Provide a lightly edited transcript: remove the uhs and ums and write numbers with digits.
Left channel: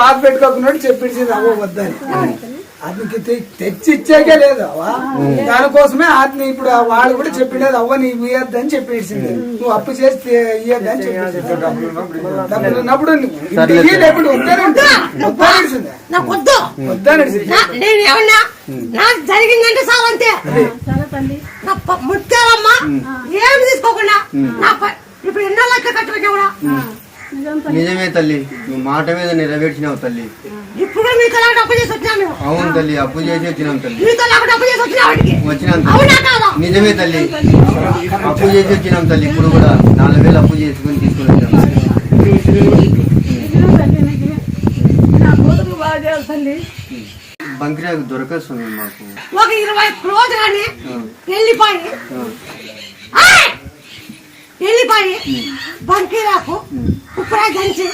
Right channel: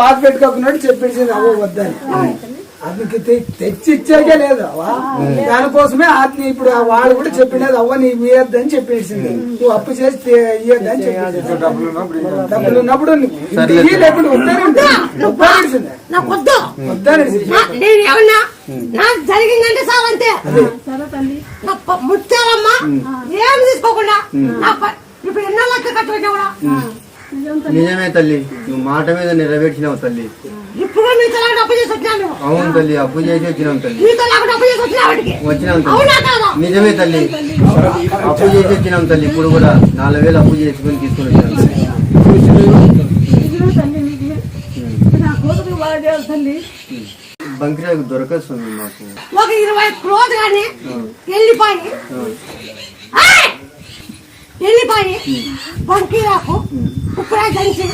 బాధ పెట్టుకోకున్నట్టు చెప్పించింది అవ్వ వద్దని. అతనికి తెచ్చి ఇచ్చాకే లేదు అవ్వ. దానికోసమే అతని ఇప్పుడు వాడు కూడా చెప్పిండేది అవ్వ నీ ఇయ్యద్దని చెప్పేసింది. నువ్వు అప్పు చేసి ఇయ్యద్దని చెప్పేసి డబ్బులు ఉన్నప్పుడు లేకుండా జరిగిందంటే సావంతే ముట్టాలమ్మా ఏమి తీసుకోకుండా ఇప్పుడు ఎన్నో లక్ష కట్టుకున్నా కూడా నిజమే తల్లి, నువ్వు మాట మీద నెరవేర్చినావు తల్లి. ఇప్పుడు మీతో అప్పు చేసి వచ్చినాను. అవును తల్లి, అప్పు చేసి వచ్చినాం తల్లి. అప్పు చేసి వచ్చినాం తల్లి. నిజమే తల్లి, అప్పు చేసి వచ్చినాం తల్లి. ఇప్పుడు కూడా 4,000 అప్పు చేసుకుని తీసుకుని వచ్చినాం. బంకిరాకు దొరకస్తుంది మాకు ఒక 20 క్లోజ్ కానీ వెళ్ళిపోయి బంకిరాకు ఇప్పుడు దంచి